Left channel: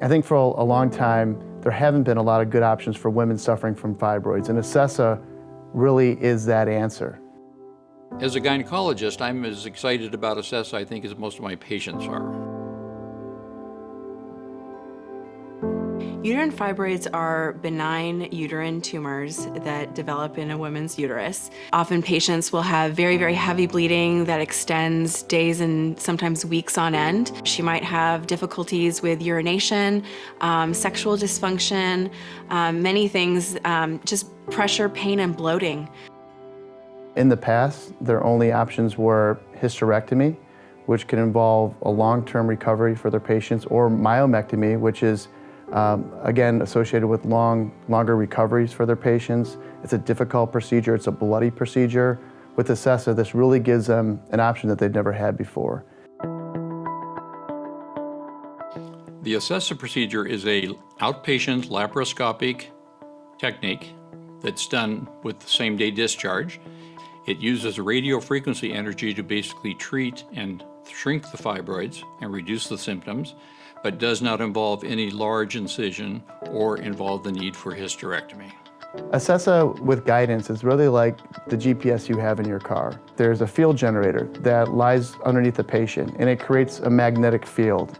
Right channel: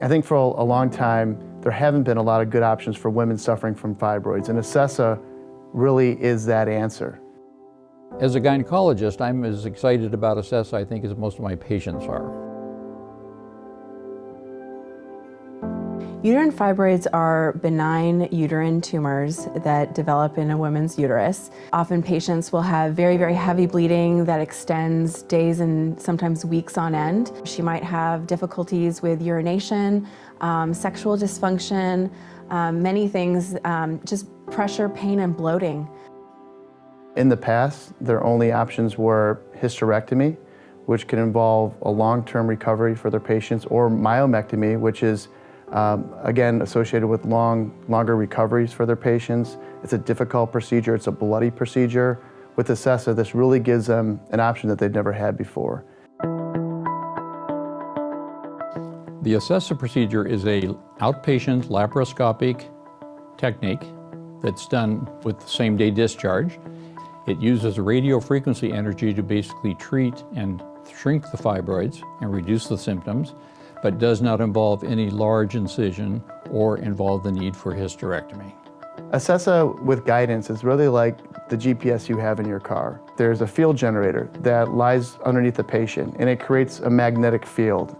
I think for a long time, there haven't been a lot of good options for women suffering from fibroids, and Acessa really is that answer. As a gynecologist, I'm as excited about Acessa, I think, as most of my patients are. Uterine fibroids are benign uterine tumors that develop in a woman's uterus. Often patients will have very, very heavy bleeding that extends days and sometimes weeks on end. She might have difficulties with urination, sexual dysfunction, many things, just pressure, pain, and bloating. In the past, their only options were hysterectomy, which can involve a long-term recovery for their patients, or myomectomy, which is again associated with longer recoveries for their patients. It's a difficult procedure, it's a bloody procedure. With Acessa, this really gives them an option that they've never had before. The Acessa procedure is an outpatient laparoscopic technique that's done with same-day discharge. It uses radiofrequency energy to basically treat and shrink the fibroids and reduce the symptoms, but does not involve any large incision or involve the need for hysterectomy. Acessa with guidance is really like the GPS you have in your car. There's a field generator that lies underneath the patient, and it creates a magnetic field.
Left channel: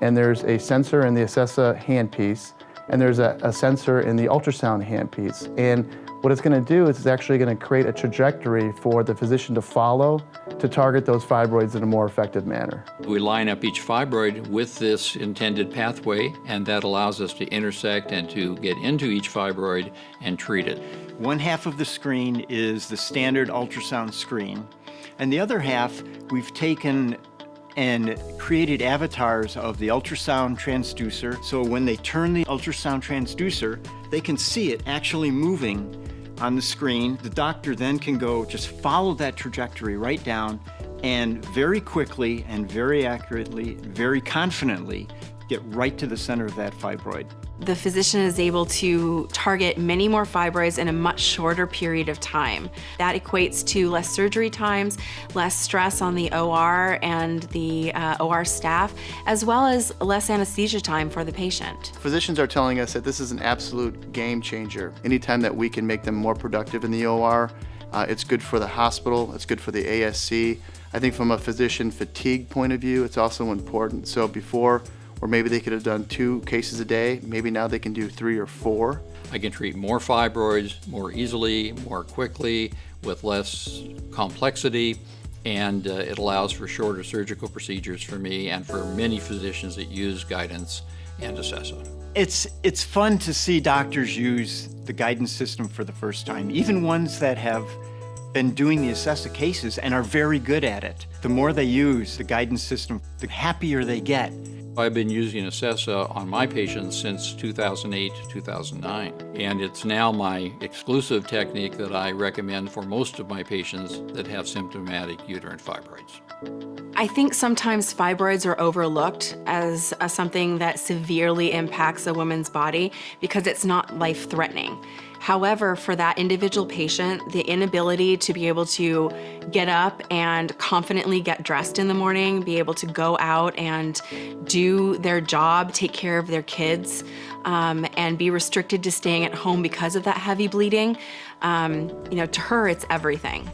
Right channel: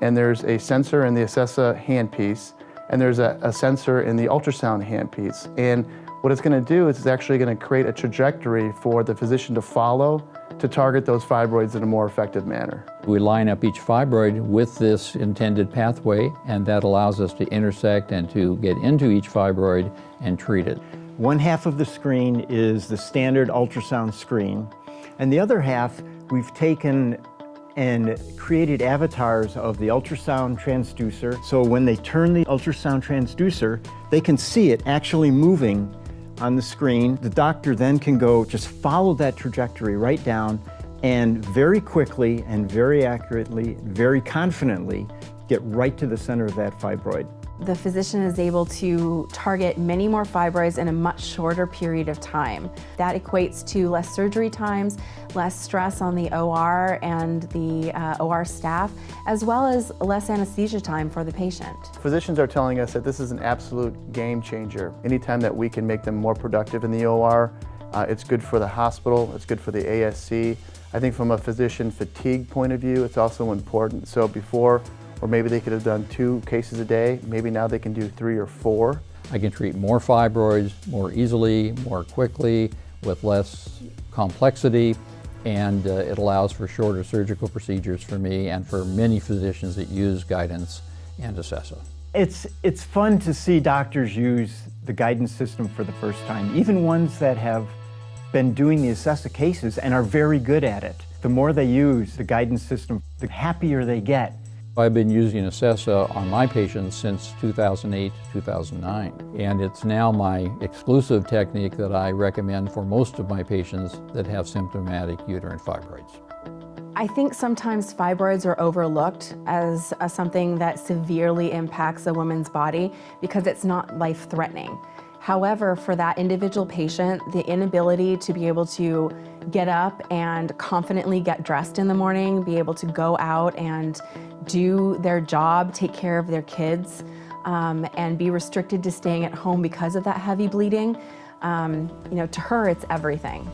And there's a sensor in the Acessa handpiece, and there's a sensor in the ultrasound handpiece. And what it's going to do is it's actually going to create a trajectory for the physician to follow to target those fibroids in a more effective manner. We line up each fibroid with this intended pathway, and that allows us to intersect and to get into each fibroid and treat it. One half of the screen is the standard ultrasound screen, and the other half we've taken and created avatars of the ultrasound transducer. So when they turn the ultrasound transducer, they can see it actually moving on the screen. The doctor then can go just follow that trajectory right down and very quickly and very accurately, very confidently get right to the center of that fibroid. The physician is able to target many more fibroids in a much shorter period of time. That equates to less surgery times, less stress on the OR and the OR staff, as well as less anesthesia time for the patient. Physicians are telling us that this is an absolute game changer. Anytime that we can make them more productive in the OR, it's good for the hospital, it's good for the ASC. I think from a physician fatigue point of view, it's also important. So before, or maybe they could have done 2 cases a day, maybe now they can do 3 or 4. I can treat more fibroids more easily, more quickly, with less complexity, and it allows for shorter surgical procedures for me and for many physicians that use guidance and Acessa. It's fun to see doctors use the guidance system for the first time, even ones that have been doing the Acessa cases and are very good at it. The more they use the guidance system, the happier they get. I've been using Acessa on my patients since 2008, 2009, and it's now my exclusive technique that I recommend for most of my patients that have symptomatic uterine fibroids. I think sometimes fibroids are overlooked as something that severely impacts a woman's body because it's not life-threatening. However, for that individual patient, the inability to be able to get up and confidently get dressed in the morning, be able to go out and do their job, take care of their kids, and be restricted to staying at home because of that heavy bleeding, to her, it's everything.